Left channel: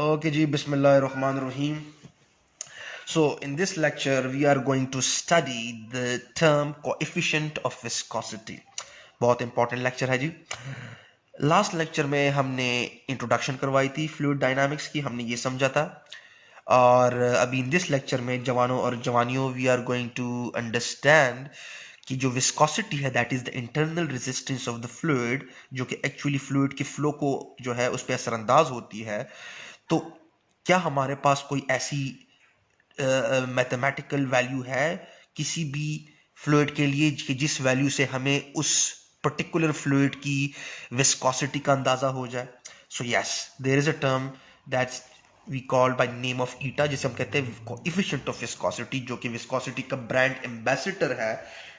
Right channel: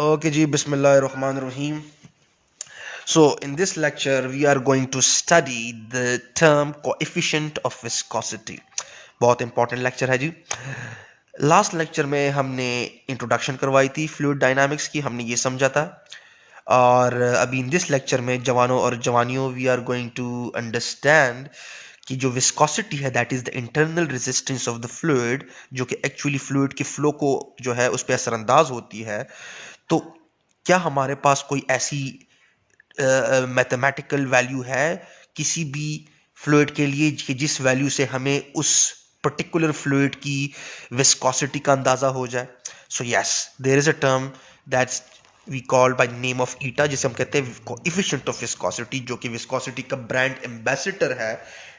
Okay ji, Bismillahirrahmanirrahim. So in this lecture we are going to study the term coefficient of viscosity. बहुत important lecture है जी. Last lecture में हमने introduction करवाई थी fluid dynamics की, हमने ये समझा था. और अभी इन दिस लेक्चर में जवानों और जवानियों we are going to understand कि जो विस्कोसिटी है that is the internal resistance of the fluid, जो कि एक्चुअली फ्लूइड के फ्लो को जो है उस पर असरअंदाज होती है. तो क्या हमारे पास कोई ऐसी मैथमेटिकल वैल्यू है किसी भी फ्लूइड के लिए कि जिस वैल्यू से हमें उस पर्टिकुलर फ्लूइड की विस्कोसिटी का अंदाजा हो जाए? So yes, there is a term that's we called by name of eta, जिसे हम कहते हैं कोएफिशिएंट ऑफ विस्कोसिटी, जो कि विस्कोसिटी का ब्रांड एम्बेसडर है.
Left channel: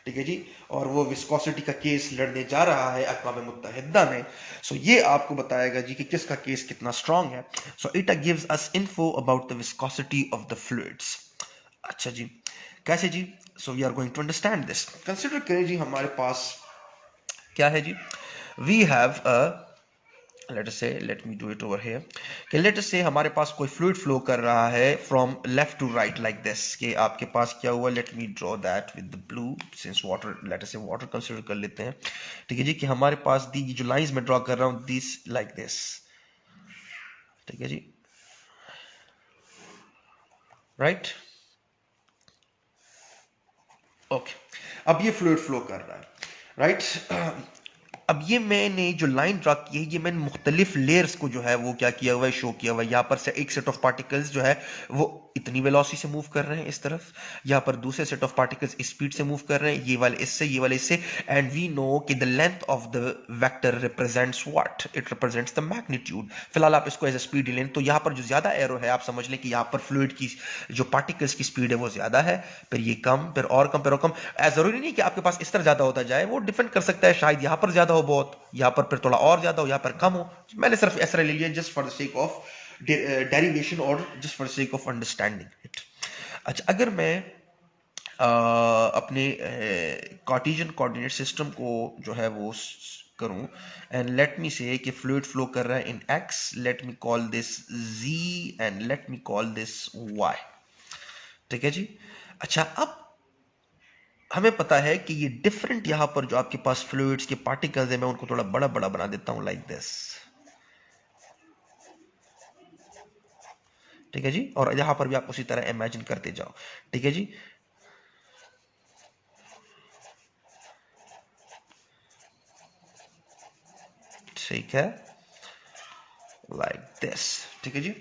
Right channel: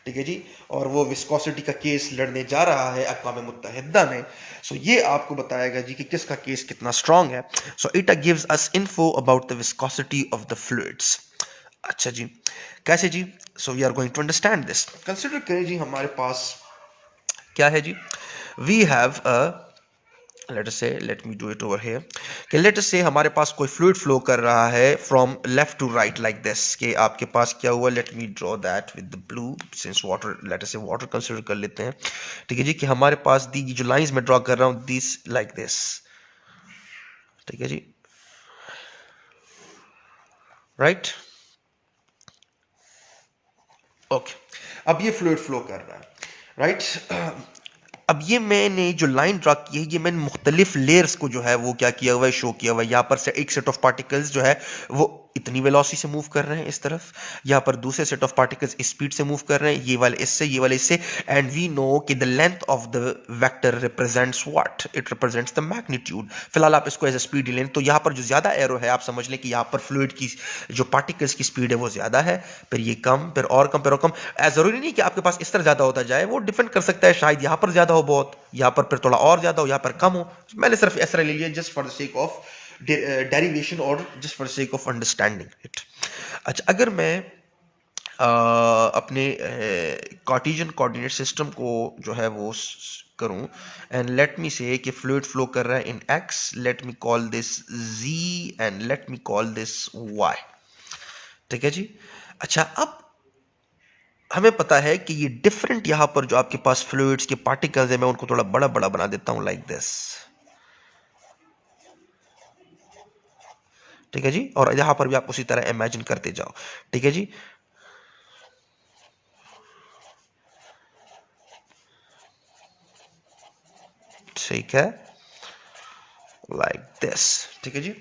ठीक है जी. और वो विस्कोसिटी का केस लड़ने जा रहा है अक़वाम मुत्तहिदा में. सो ये आपको बताएगा जी कि किसका केस कितना स्ट्रांग है. So it gives us info about the viscosity of the fluids. अच्छा जी, कैसे जी? So we are going to understand this. Consider करें जी हमारे पास क्या है जी. We have a, let us say, let me do it over here, कि लेट अस से हमारे पास कोई फ्लूइड फ्लो कर रहा है from left to right like this. कि आपके पास क्या हुआ, late me draw that with the blue since water, late us से वाटर कंसीडर कर लेते हैं. ठीक है जी, कि हमारे पास दी जो लाइंस में ड्रॉ कर रहा हूं दिस लाइक दिस. ठीक है जी, राइट. ओके, अब ये फ्लूइड फ्लो कर रहा है, राइट. अब ये मैंने जो लाइन ड्रा की है, ये मैंने मुख्तलिफ लेयर्स को जो है वो क्या किया हुआ है, शो किया हुआ है. यहाँ पर से एक सेट ऑफ पार्टिकल्स जो है वो इतनी वेलोसिटी से मूव कर रहे हैं इस तरफ, यहाँ पर दूसरे सेट ऑफ पार्टिकल्स इस स्पीड से मूव कर रहे हैं, ये वाले इससे, ये वाले इससे. एंड वी नो कि the length of the vector represents what, it represents the magnitude. फिलहाल आप इसको एज अ स्पीड लें, तो यहाँ पर जो ज्यादा एरो है आप समझ लें कि यहाँ पर फ्लूइड की जो पार्टिकल्स की स्पीड है वो ज्यादा है, फिर ये कम, फिर और कम, फिर और कम. जरूरी नहीं कि आपके पास इस तरह ज्यादा होता जाए, वो डिपेंड कर सकता है, शायद यहाँ पर ज्यादा हो बहुत, यहाँ पर फिर थोड़ा और ज्यादा हो, यहाँ पर कम हो. मैंने सिर्फ ऐसा ले लिया just for the sake of derivation और just for the sake of understanding it. अच्छा, अगर मैं अपने कार्टेशियन कोऑर्डिनेट सिस्टम को जो है वो करूं, एंड लेट मी से कि फ्लूइड फ्लो कर रहा है in X, let me call this जी and let me call this Y. ठीक है जी. अच्छा, अब हमें पता है कि ये डिफरेंट यहां पर जो आपके पास फ्लूइड्स के पार्टिकल्स है, मैं उनको थोड़ा बड़ा बड़ा बना देता हूं लाइक दिस. ठीक है जी, और यहां पर भी आप उसी तरह इमेजिन करते जाओ. ठीक है जी. ठीक है, लाइक दिस. ठीक है जी.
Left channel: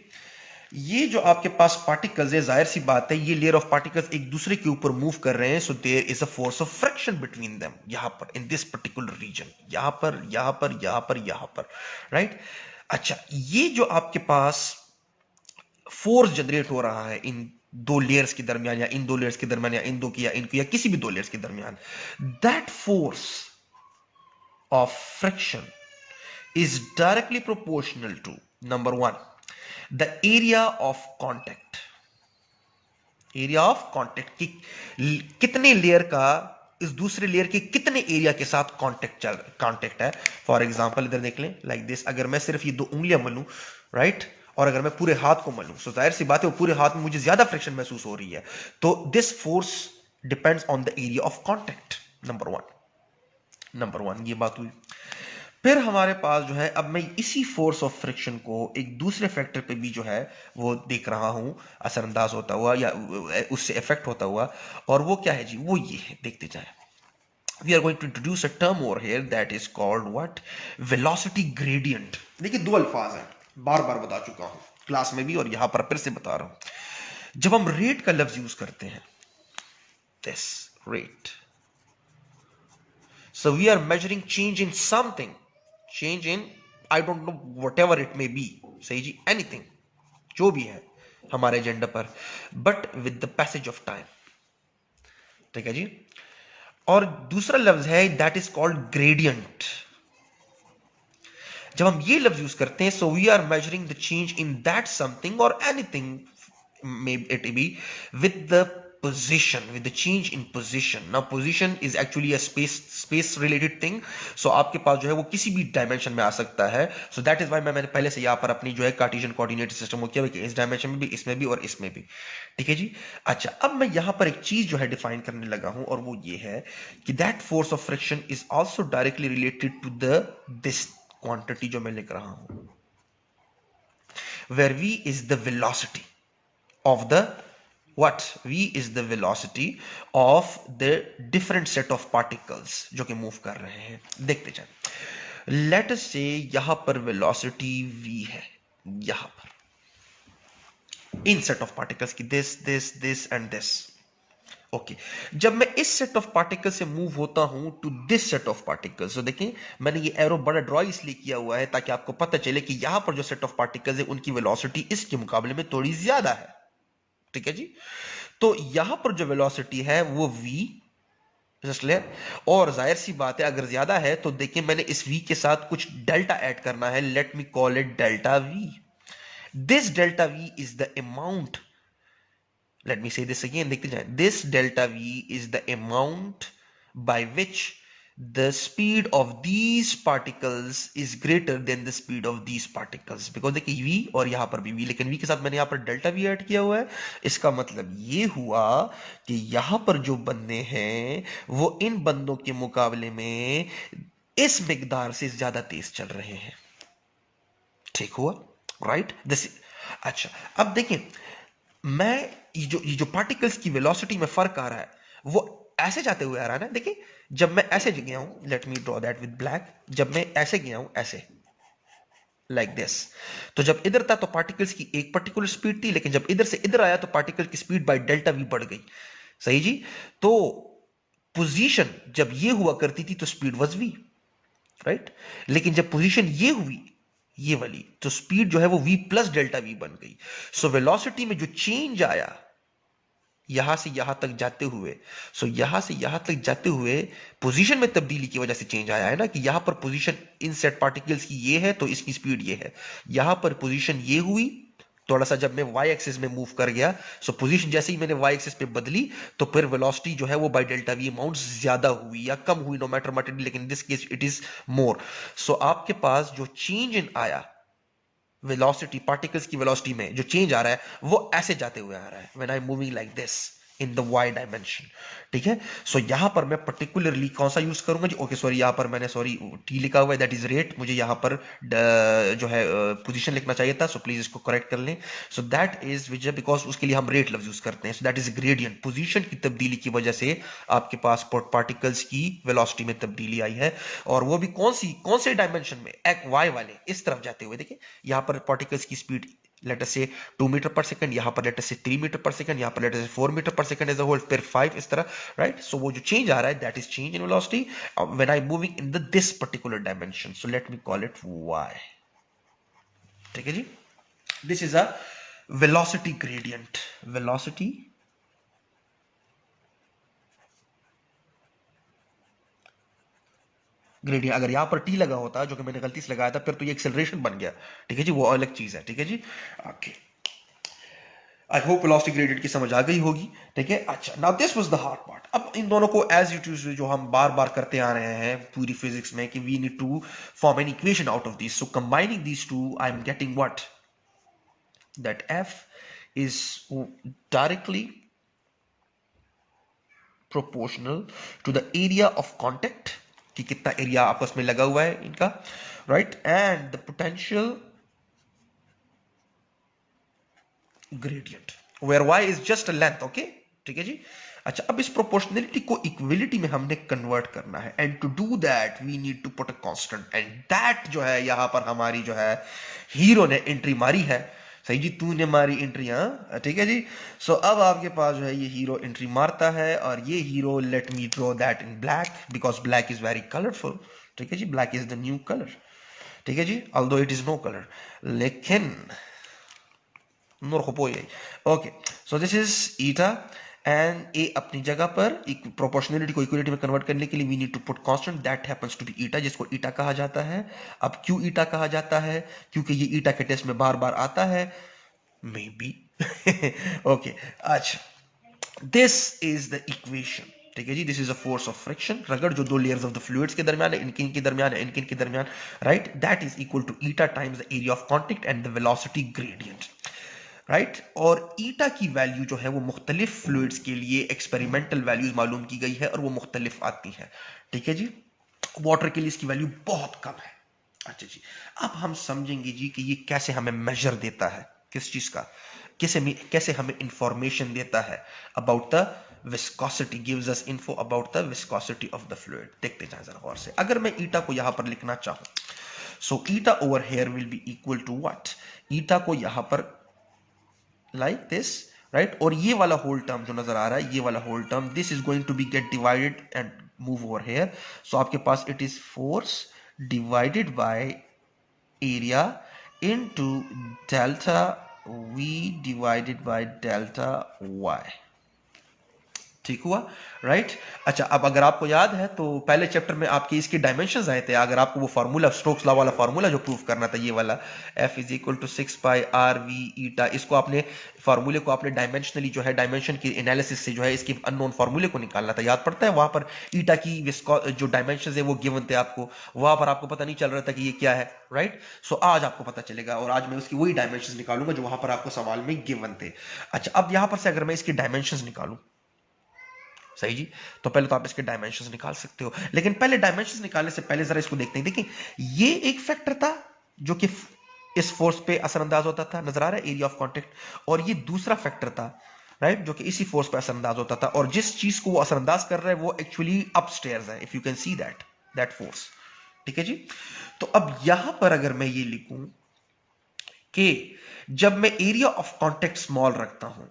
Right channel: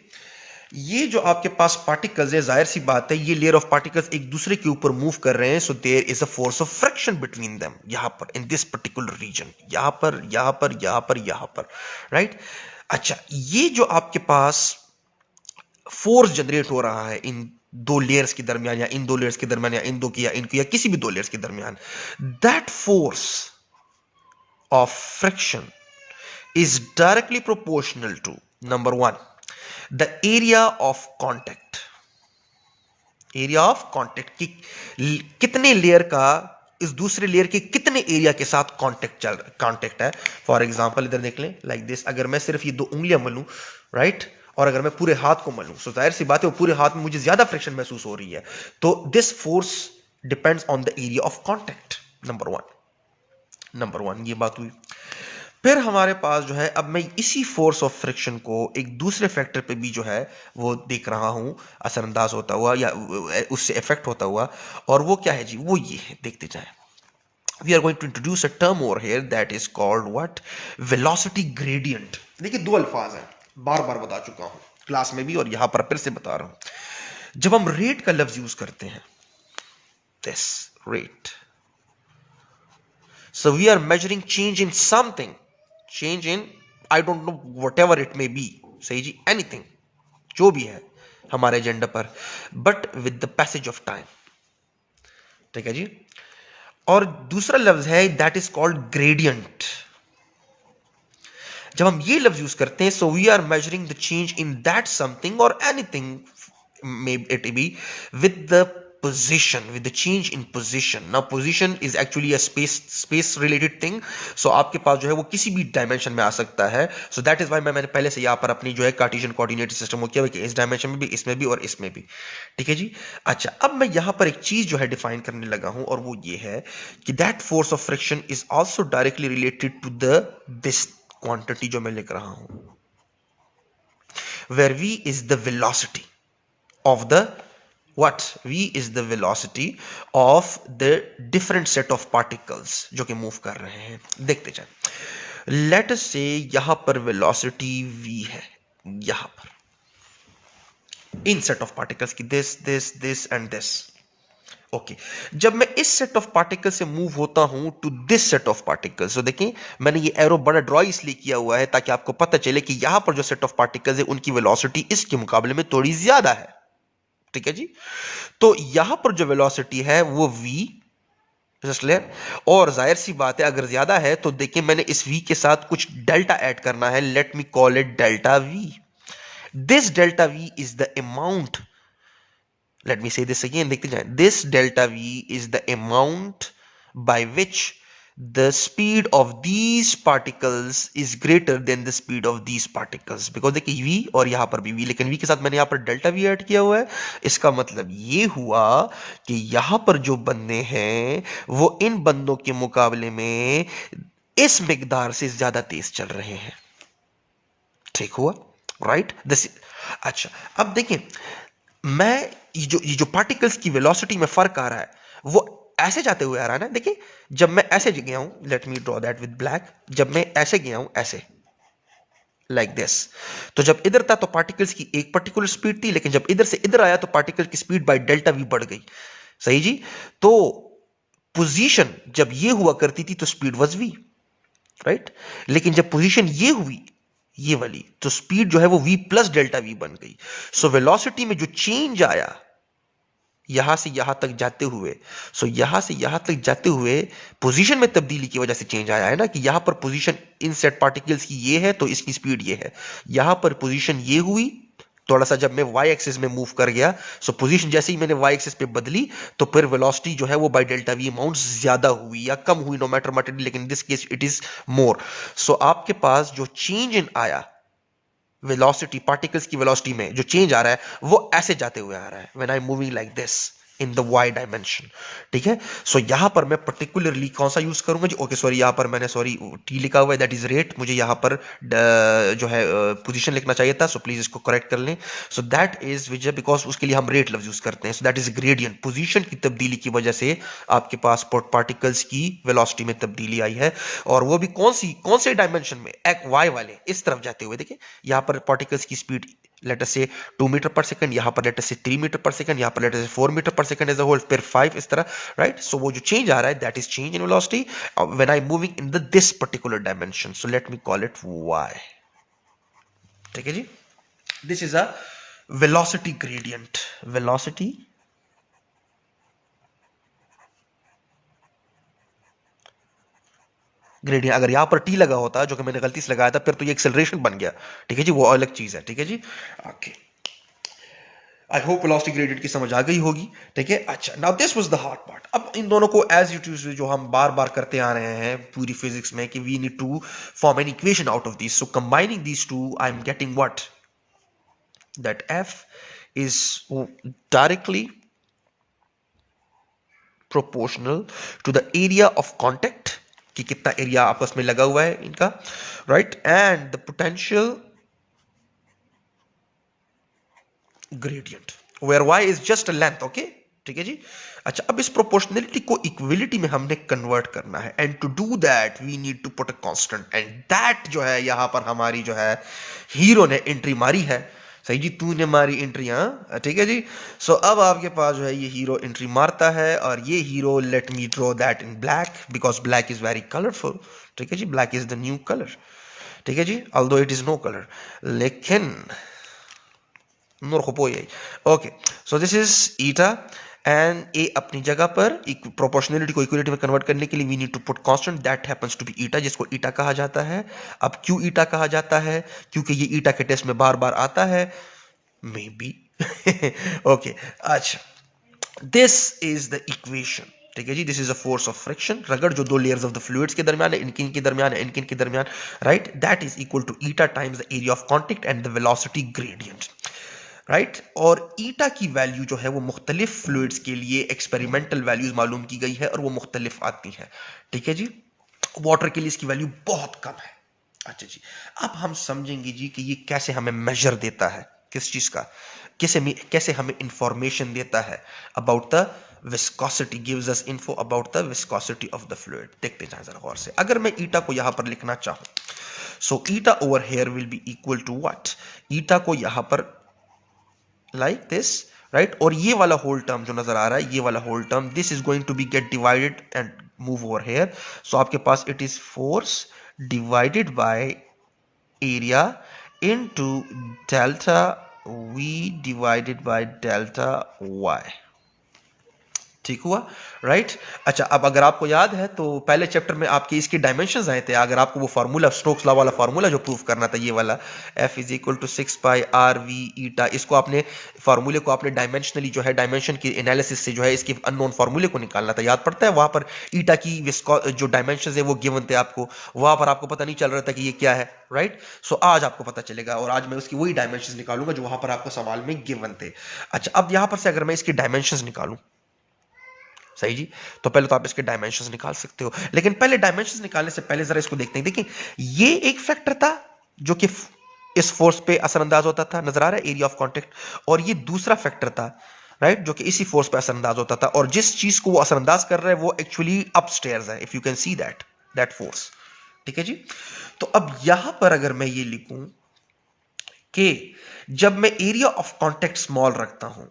ये जो आपके पास पार्टिकल्स है, जाहिर सी बात है ये लेयर ऑफ पार्टिकल्स एक दूसरे के ऊपर मूव कर रहे हैं, so there is a force of friction between them. यहां पर इन दिस पर्टिकुलर रीजन, यहां पर, यहां पर, यहां पर, यहां पर, राइट. अच्छा, ये जो आपके पास फोर्स जनरेट हो रहा है इन दो लेयर्स के दरमियान, या इन दो लेयर्स के दरमियान, या इन दो की, या इनकी, या किसी भी दो लेयर्स के दरमियान, that force of friction is directly proportional to, number one, the area of contact. Area of contact की कितने लेयर का इस दूसरे लेयर के कितने एरिया के साथ कांटेक्ट है. फॉर एग्जांपल इधर देख लें लाइक दिस, अगर मैं सिर्फ ये दो उंगलियां मलूं, राइट, और अगर मैं पूरे हाथ को मलूं, सो जाहिर सी बात है वो पूरे हाथ में मुझे ज्यादा फ्रिक्शन महसूस हो रही है. तो this force depends on the area of contact. Number one ये बात हुई. फिर हमारे पास जो है, अब मैं इसी फोर्स ऑफ फ्रिक्शन को एक दूसरे फैक्टर पे भी जो है वो देख रहा हूं असरअंदाज होता हुआ, या उससे इफेक्ट होता हुआ. और वो क्या है जी, वो ये है, देखते जाएं. We are going to introduce a term over here that is called what, velocity gradient. देखिए, दो अल्फाज हैं, बार बार बता चुका हूं क्लास में भी और यहां पर फिर से बता रहा हूं. जब हम रेट का लफ्ज यूज करते हैं, this rate, so we are measuring change in something, change in, I don't know, whatever it may be, सही जी, anything, जो भी है हमारे एजेंडा पर, but with the passage of time. ठीक है जी. और दूसरा लफ्ज है दैट इज कॉल्ड ग्रेडियंट. जब हम ये लफ्ज यूज करते हैं, so we are measuring the change in that something और anything may it be with the position, with the change in position. Now position is actually a space related thing. So आपके पास जो है वो किसी भी डायमेंशन में आ सकता है. So that is why मैंने पहले से यहाँ पर अपनी जो है कार्टेशियन कोऑर्डिनेट सिस्टम को किया कि इस डायमेंशन में भी, इसमें भी और इसमें भी. ठीक है जी. अच्छा, अब मैं यहाँ पर एक चीज जो है डिफाइन करने लगा हूं और वो ये है कि that force of friction is also directly related to the this quantity जो मैं लिख रहा हूं, where v is the velocity of the what? v is the velocity of the different set of particles जो कि मूव कर रहे हैं. देखते जाए. लेट अस से यहां पर वेलोसिटी v है, यहां पर इन सेट ऑफ पार्टिकल्स की दिस एंड दिस. ओके, जब मैं इस सेट ऑफ पार्टिकल से मूव होता हूं to this set of particles, तो देखें मैंने ये एरो बड़ा ड्रॉ इसलिए किया हुआ है ताकि आपको पता चले कि यहां पर जो सेट ऑफ पार्टिकल्स है उनकी वेलोसिटी इसके मुकाबले में थोड़ी ज्यादा है. ठीक है जी. तो यहां पर जो वेलोसिटी है वो v जस्ट ले, और जाहिर सी बात है अगर ज्यादा है तो देखिए मैंने इस v के साथ कुछ डेल्टा ऐड करना है. Late me call it delta v. This delta v is the amount, let me say this again, देखते जाएं. This delta v is the amount by which the speed of these particles is greater than the speed of these particles. Because देखिए v और यहां पर भी v, लेकिन v के साथ मैंने यहां पर डेल्टा v ऐड किया हुआ है. इसका मतलब ये हुआ कि यहां पर जो बंदे हैं वो इन बंदों के मुकाबले में इस मिकदार से ज्यादा तेज चल रहे हैं. ठीक हुआ, राइट? अच्छा, अब देखिए मैं ये जो पार्टिकल्स की वेलोसिटी में फर्क आ रहा है वो ऐसे जाते हुए आ रहा है ना. देखिए जब मैं ऐसे गया हूं, late me draw that with black, जब मैं ऐसे गया हूं ऐसे लाइक दिस, तो जब इधर था तो पार्टिकल्स की एक पर्टिकुलर स्पीड थी, लेकिन जब इधर से इधर आया तो पार्टिकल की स्पीड बाय डेल्टा वी बढ़ गई. सही जी. तो पोजीशन जब ये हुआ करती थी तो स्पीड वाज v, राइट. लेकिन जब पोजीशन ये हुई ये वाली तो स्पीड जो है वो v प्लस डेल्टा v बन गई. सो वेलोसिटी में जो चेंज आया यहां से यहां तक जाते हुए, सो यहां से यहां तक जाते हुए पोजीशन में तब्दीली की वजह से चेंज आया है ना, कि यहां पर पोजीशन इन सेट पार्टिकल्स की ये है तो इसकी स्पीड ये है. यहां पर पोजीशन ये हुई, थोड़ा सा जब मैं y एक्सिस में मूव कर गया, सो पोजीशन जैसे ही मैंने y एक्सिस पे बदली तो फिर वेलोसिटी जो है वो बाय डेल्टा v अमाउंट ज्यादा हुई या कम हुई, नो मैटर व्हाट, लेकिन this case it is more. So आपके पास जो चेंज इन आया वेलोसिटी, पार्टिकल्स की वेलोसिटी में जो चेंज आ रहा है वो ऐसे जाते हुए आ रहा है when I am moving like this in the y dimension. ठीक है. सो यहां पर मैं पर्टिकुलरली कौन सा यूज करूंगा जी? ओके सॉरी, यहां पर मैंने सॉरी t लिखा हुआ है, दैट इज रेट. मुझे यहां पर जो है पोजीशन लिखना चाहिए था, सो प्लीज इसको करेक्ट कर लें. सो दैट इज विच, बिकॉज उसके लिए हम रेट लफ्ज यूज करते हैं. सो दैट इज ग्रेडियंट. पोजीशन की तब्दीली की वजह से आपके पास पार्टिकल्स की वेलोसिटी में तब्दीली आई है, और वो भी कौन से डायमेंशन में? y वाले इस तरफ जाते हुए. देखिए यहां पर पार्टिकल्स की स्पीड लेट अस से 2 मीटर पर सेकंड, यहां पर लेट अस से 3 मीटर पर सेकंड, यहां पर लेट अस से 4 मीटर पर सेकंड एज अ होल, फिर 5 इस तरह, राइट. सो वो जो चेंज आ रहा है that is change in velocity when I moving in the this particular dimension. So let me call it y. ठीक है जी. This is a velocity gradient. Velocity gradient. अगर यहां पर t लगा होता जो कि मैंने गलती से लगाया था फिर तो ये एक्सेलरेशन बन गया. ठीक है जी, वो अलग चीज है. ठीक है जी. Okay, I hope velocity gradient की समझ आ गई होगी. ठीक है. अच्छा, now this was the hard part. अब इन दोनों को एज इट इज जो हम बार बार करते आ रहे हैं पूरी फिजिक्स में कि we need to form an equation out of this. So combining these two I am getting what, that f is directly proportional to the area of contact, कि कितना एरिया आपस में लगा हुआ है इनका, right, and the potential gradient where y is just a length. Okay, ठीक है जी. अच्छा, अब इस प्रोपोर्शनलिटी को इक्विलिटी में हमने कन्वर्ट करना है, and to do that we need to put a constant, and that जो है यहां पर हमारी जो है हीरो ने एंट्री मारी है. सही जी, तूने मारी एंट्री. हाँ, ठीक है जी. सो अब आपके पास जो है ये हीरो एंट्री मारता है, और ये hero, let me draw that in black because black is very colourful. ठीक है जी, black is the new colour. ठीक है जी, although it is no colour, लेकिन okay. So this is eta, and A अपनी जगह पर प्रोपोर्शनलिटी को इक्विलिटी में कन्वर्ट करने के लिए we need to put constant, that happens to be eta, जिसको ईटा कहा जाता है. अब क्यों ईटा कहा जाता है? क्योंकि ये ईटा के टेस्ट में बार बार आता है, मे बी. ओके, अच्छा. दिस इज द इक्वेशन, ठीक है जी। This is a force of friction, रगड़ जो दो लेयर्स ऑफ द फ्लूइड्स के दरमियान है, इनकिन के दरमियान है, इनकिन के दरमियान, right, that is equal to eta times the area of contact and the velocity gradient, right. और ईटा की वैल्यू जो है वो मुख्तलिफ फ्लूइड्स के लिए एक्सपेरिमेंटल वैल्यूज मालूम की गई है और वो मुख्तलिफ आती हैं, ठीक है जी। वाटर के लिए इसकी वैल्यू बहुत कम है। अच्छा जी, अब हम समझेंगे जी कि ये कैसे हमें मेजर देता है, किस चीज का, कैसे हमें इंफॉर्मेशन देता है about the viscosity, gives us info about the viscosity of the fluid. देखते जाएं जरा गौर से। अगर मैं ईटा को यहां पर लिखना चाहूं, so eta over here will be equal to what, eta को यहां पर लाइक दिस, राइट, और ये वाला होल टर्म जो नजर आ रहा है, ये वाला whole term, this is going to be get divided and move over here. So आपके पास it is force divided by area into delta v divided by delta y, ठीक हुआ, राइट। अच्छा, अब अगर आपको याद है तो पहले चैप्टर में आपके इसके डायमेंशंस आए थे। अगर आपको वो फार्मूला, स्टोक्स लॉ वाला फार्मूला जो प्रूव करना था, ये वाला F is equal to 6 pi R V eta, इसको आपने फार्मूले को आपने डायमेंशनली जो है डायमेंशन की एनालिसिस से जो है इसके अननोन फार्मूले को निकालना था, याद पड़ता है। वहां पर ईटा की जो डायमेंशन है वो गिवन थे आपको, वहां पर आपको पता नहीं चल रहा था कि ये क्या है, राइट। सो आज आपको पता चलेगा और आज मैं उसकी वही डायमेंशन निकालूंगा जो वहां पर आपको सवाल में गिवन थे। अच्छा, अब यहां पर से अगर मैं इसकी डायमेंशन निकालूं, सही जी, तो पहले तो आप इसके डायमेंशंस निकाल सकते हो, लेकिन पहले डायमेंशंस निकालने से पहले जरा इसको देखते हैं। देखिए, ये एक फैक्टर था जो कि इस फोर्स पे असरअंदाज होता था, नजर आ रहा है, एरिया ऑफ कांटेक्ट, और ये दूसरा फैक्टर था, राइट, जो कि इसी फोर्स पे असरअंदाज होता था, और जिस चीज को वो असरअंदाज कर रहा है वो एक्चुअली अपस्टेयर्स है, if you can see that force, ठीक है जी। तो अब यहां पर अगर मैं ये लिखूं कि जब मैं एरिया ऑफ कांटेक्ट स्मॉल रखता हूं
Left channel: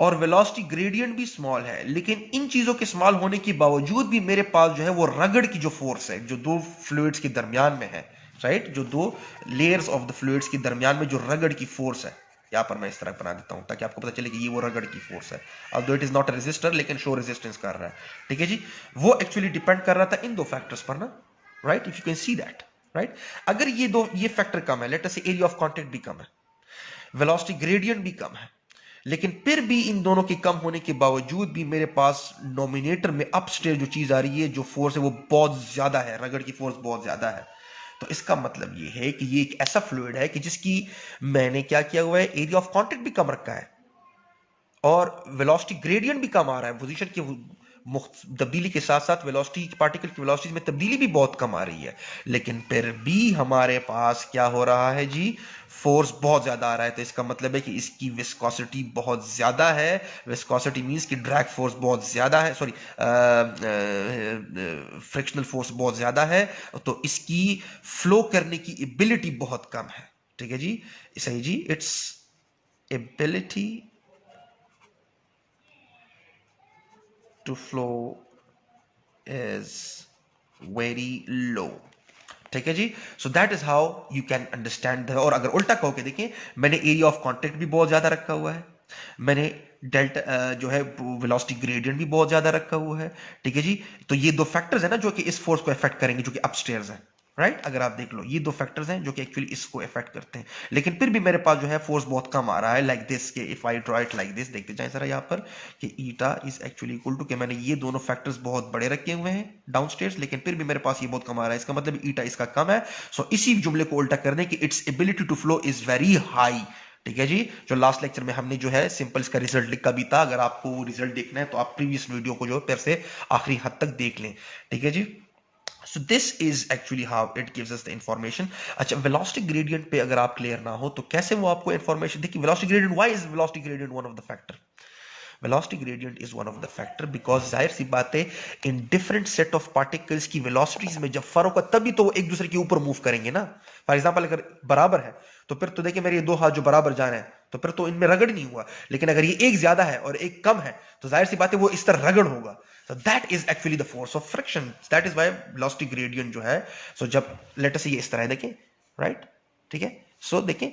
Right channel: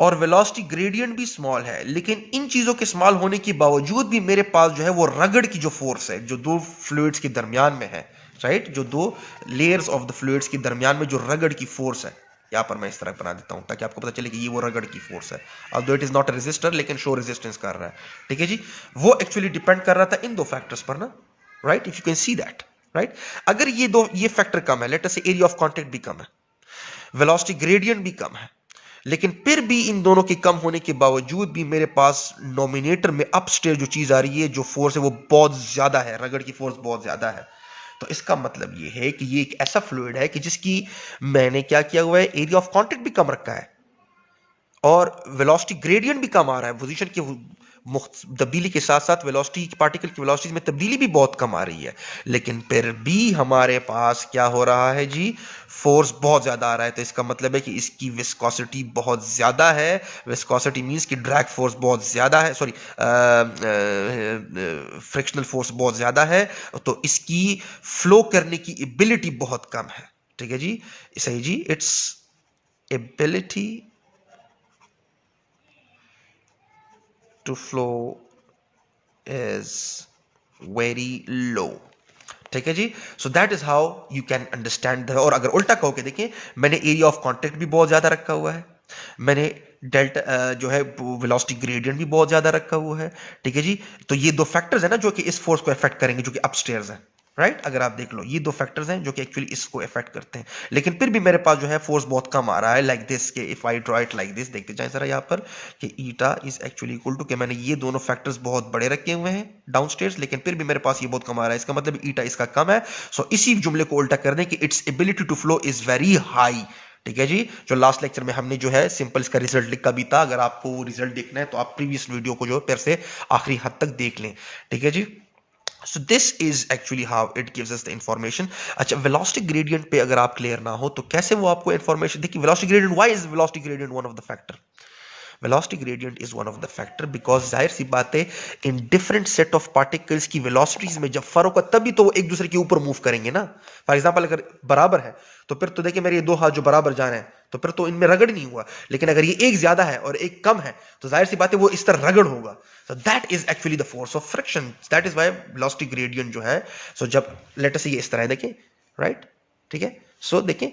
और वेलोसिटी ग्रेडियंट भी स्मॉल है, लेकिन इन चीजों के स्मॉल होने के बावजूद भी मेरे पास जो है वो रगड़ की जो फोर्स है जो दो फ्लूइड्स के दरमियान में है, राइट, जो दो लेयर्स ऑफ द फ्लूइड्स के दरमियान में जो रगड़ की फोर्स है, यहां पर मैं इस तरह बना देता हूं ताकि आपको पता चले कि ये वो रगड़ की फोर्स है। अब it is not a resistor, लेकिन शो रेजिस्टेंस कर रहा है, ठीक है जी। वो एक्चुअली डिपेंड कर रहा था इन दो फैक्टर्स पर ना, right, if you can see that, right. अगर ये फैक्टर कम है, लेट अस से एरिया ऑफ कांटेक्ट भी कम है, वेलोसिटी ग्रेडियंट भी कम है, लेकिन फिर भी इन दोनों के कम होने के बावजूद भी मेरे पास नोमिनेटर में अपस्टेयर जो चीज आ रही है, जो फोर्स है वो बहुत ज्यादा है, रगड़ की फोर्स बहुत ज्यादा है। तो इसका मतलब ये है कि ये एक ऐसा फ्लूइड है कि जिसकी मैंने क्या किया हुआ है, एरिया ऑफ कांटेक्ट भी कम रखा है और वेलोसिटी ग्रेडियंट भी कम आ रहा है, पोजीशन की तब्दीली के साथ साथ वेलोसिटी, पार्टिकल की वेलोसिटी में तब्दीली भी बहुत कम आ रही है, लेकिन फिर भी हमारे पास क्या हो रहा है जी, फोर्स बहुत ज्यादा आ रहा है। तो इसका मतलब है कि इसकी विस्कोसिटी बहुत ज्यादा है। विस्कोसिटी मींस कि ड्रैग फोर्स बहुत ज्यादा है, सॉरी, फ्रिक्शनल फोर्स बहुत ज्यादा है, तो इसकी फ्लो करने की एबिलिटी बहुत कम है, ठीक है जी, सही जी। Its ability to flow is very low, ठीक है जी। So that is how you can understand. और अगर उल्टा कहो कि देखिए, मैंने एरिया ऑफ कांटेक्ट भी बहुत ज्यादा रखा हुआ है, मैंने डेल्टा जो है वेलोसिटी ग्रेडियंट भी बहुत ज्यादा रखा हुआ है, ठीक है जी। तो ये दो फैक्टर्स है ना जो कि इस फोर्स को अफेक्ट करेंगे, जो कि अपस्टेयर्स है, राइट। अगर आप देख लो, ये दो फैक्टर्स हैं जो कि एक्चुअली इसको अफेक्ट करते हैं, लेकिन फिर भी मेरे पास जो है फोर्स बहुत कम आ रहा है, लाइक दिस के, if I draw it like this, देखते जाए जरा यहाँ पर कि eta is actually equal to, कि मैंने ये दोनों फैक्टर्स बहुत बड़े रखे हुए हैं डाउनस्टेयर्स, लेकिन फिर भी मेरे पास ये बहुत कम आ रहा है, इसका मतलब ईटा इसका कम है। सो इसी जुमले को उल्टा कर दें कि its ability to flow is very high, ठीक है जी। जो लास्ट लेक्चर में हमने जो है सिंपल इसका रिजल्ट लिखा भी था, अगर आपको वो रिजल्ट देखना है तो आप प्रीवियस वीडियो को जो फिर से आखिरी हद तक देख लें, ठीक है जी। So this is actually how it gives us the information. अच्छा, velocity gradient पे अगर आप क्लियर ना हो तो कैसे वो आपको information, देखिए velocity gradient, why is velocity gradient one of the factor? Velocity gradient is one of the factor because जाहिर सी बात है, in different set of particles की velocities में जब फर्क होगा तभी तो वो एक दूसरे के ऊपर मूव करेंगे ना। फॉर एग्जाम्पल अगर बराबर है तो फिर तो देखिए मेरे ये दो हाथ जो बराबर जा रहे हैं तो फिर तो इनमें रगड़ नहीं हुआ, लेकिन अगर ये एक ज्यादा है और एक कम है तो जाहिर सी बात है वो इस तरह रगड़ होगा। So that is actually the force of friction. That is why velocity gradient जो है, so जब लेट अस ये इस तरह है देखें, राइट, ठीक है। सो देखें,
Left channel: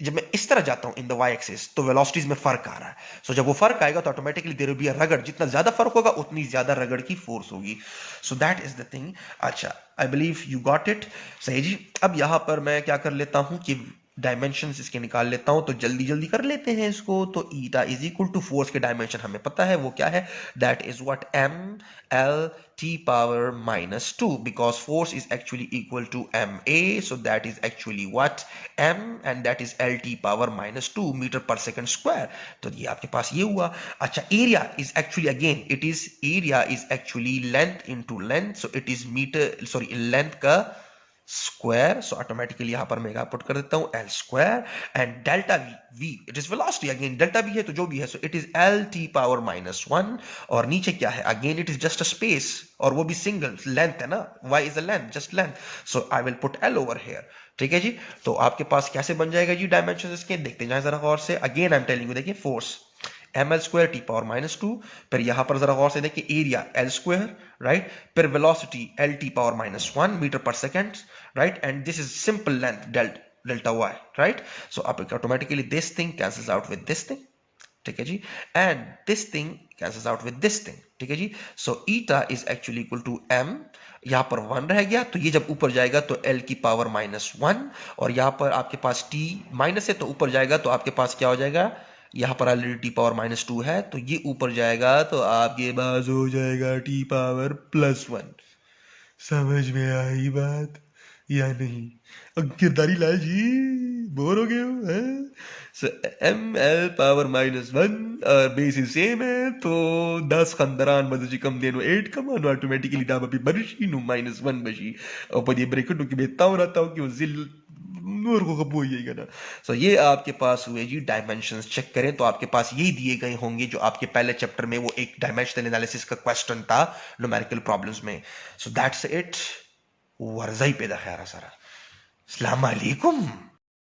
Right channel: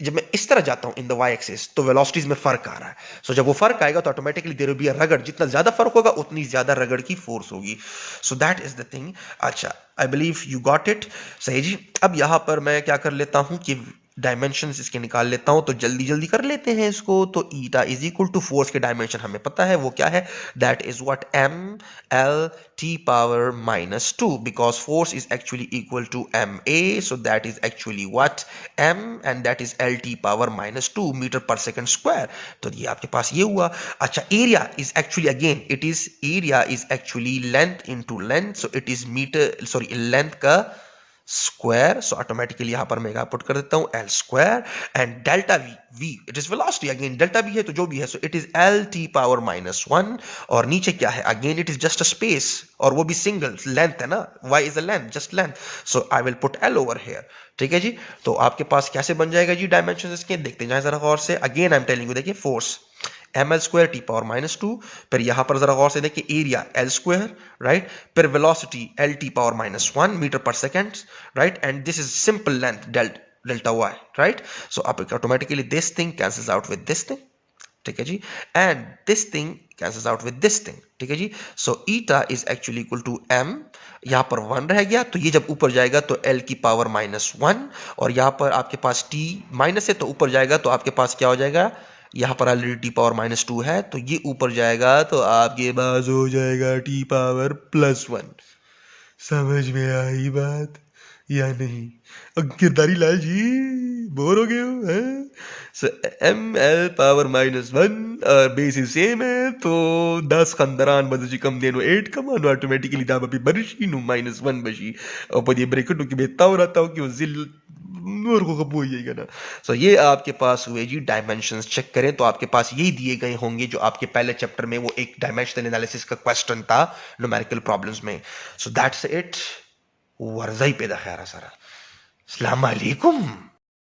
जब मैं इस तरह जाता हूं इन द वाई एक्सिस तो वेलोसिटीज में फर्क आ रहा है। सो जब वो फर्क आएगा तो automatically there will be a रगड़, जितना ज्यादा फर्क होगा उतनी ज्यादा रगड़ की फोर्स होगी। So that is the thing. अच्छा, I believe you got it, सही जी। अब यहां पर मैं क्या कर लेता हूं कि डायमेंशंस इसके निकाल लेता हूं, तो जल्दी जल्दी कर लेते हैं इसको। तो eta is equal to force के डायमेंशन हमें पता है वो क्या है, that is what M L T power minus two, because force is actually equal to M A, so that is actually what M and that is L T power minus two metre per second square. तो ये आपके पास ये हुआ। अच्छा, area is actually again it is area is actually length into length, so it is metre sorry length का square, so automatically यहां पर मैं पुट कर देता हूं L square, and delta V, V it is velocity, again delta V है तो जो भी है, so it is L T power minus one. और नीचे क्या है, again it is just a space, और वो भी सिंगल लेंथ है ना, Y is a length, just length, so I will put L over here. ठीक है जी। तो आपके पास कैसे बन जाएगा जी डायमेंशन इसके, देखते जाए जरा गौर से। Again I am telling you, देखिए force M L square T power minus two, फिर यहां पर जरा गौर से देखिए एरिया एल स्क्वायर, राइट, फिर velocity L T power minus one metre per second, right, and this is simple length delta Y, right. So आप automatically this thing cancels out with this thing, ठीक है जी, and this thing cancels out with this thing, ठीक है जी। So eta is actually equal to M, यहां पर one रह गया तो ये जब ऊपर जाएगा तो एल की पावर माइनस वन, और यहां पर आपके पास टी माइनस है तो ऊपर जाएगा तो आपके पास क्या हो जाएगा, यहां पर already T power minus to है तो ये ऊपर जाएगा तो आपके पास हो जाएगा टी पावर प्लस वन। समझ में आई बात या नहीं? किरदारी लाल जी, बोर हो गए हो हैं? So M L power minus one basis same है तो 10 खंदरान बदची कम देनो 8 कमानो ऑटोमेटिकली दाम अभी बरशी नु माइनस वन बशी और पर ये ब्रेकेट की बेता हो रहा था कि वो जिल नूर को कबू जाएगा ना। सो ये आपके पास हुए जी डायमेंशंस। चेक करें तो आपके पास यही दिए गए होंगे जो आपके पहले चैप्टर में वो एक डायमेंशनल एनालिसिस का क्वेश्चन था न्यूमेरिकल प्रॉब्लम्स में। सो दैट्स इट, वर्ज़ाई पैदा खैर सारा। अस्सलाम वालेकुम।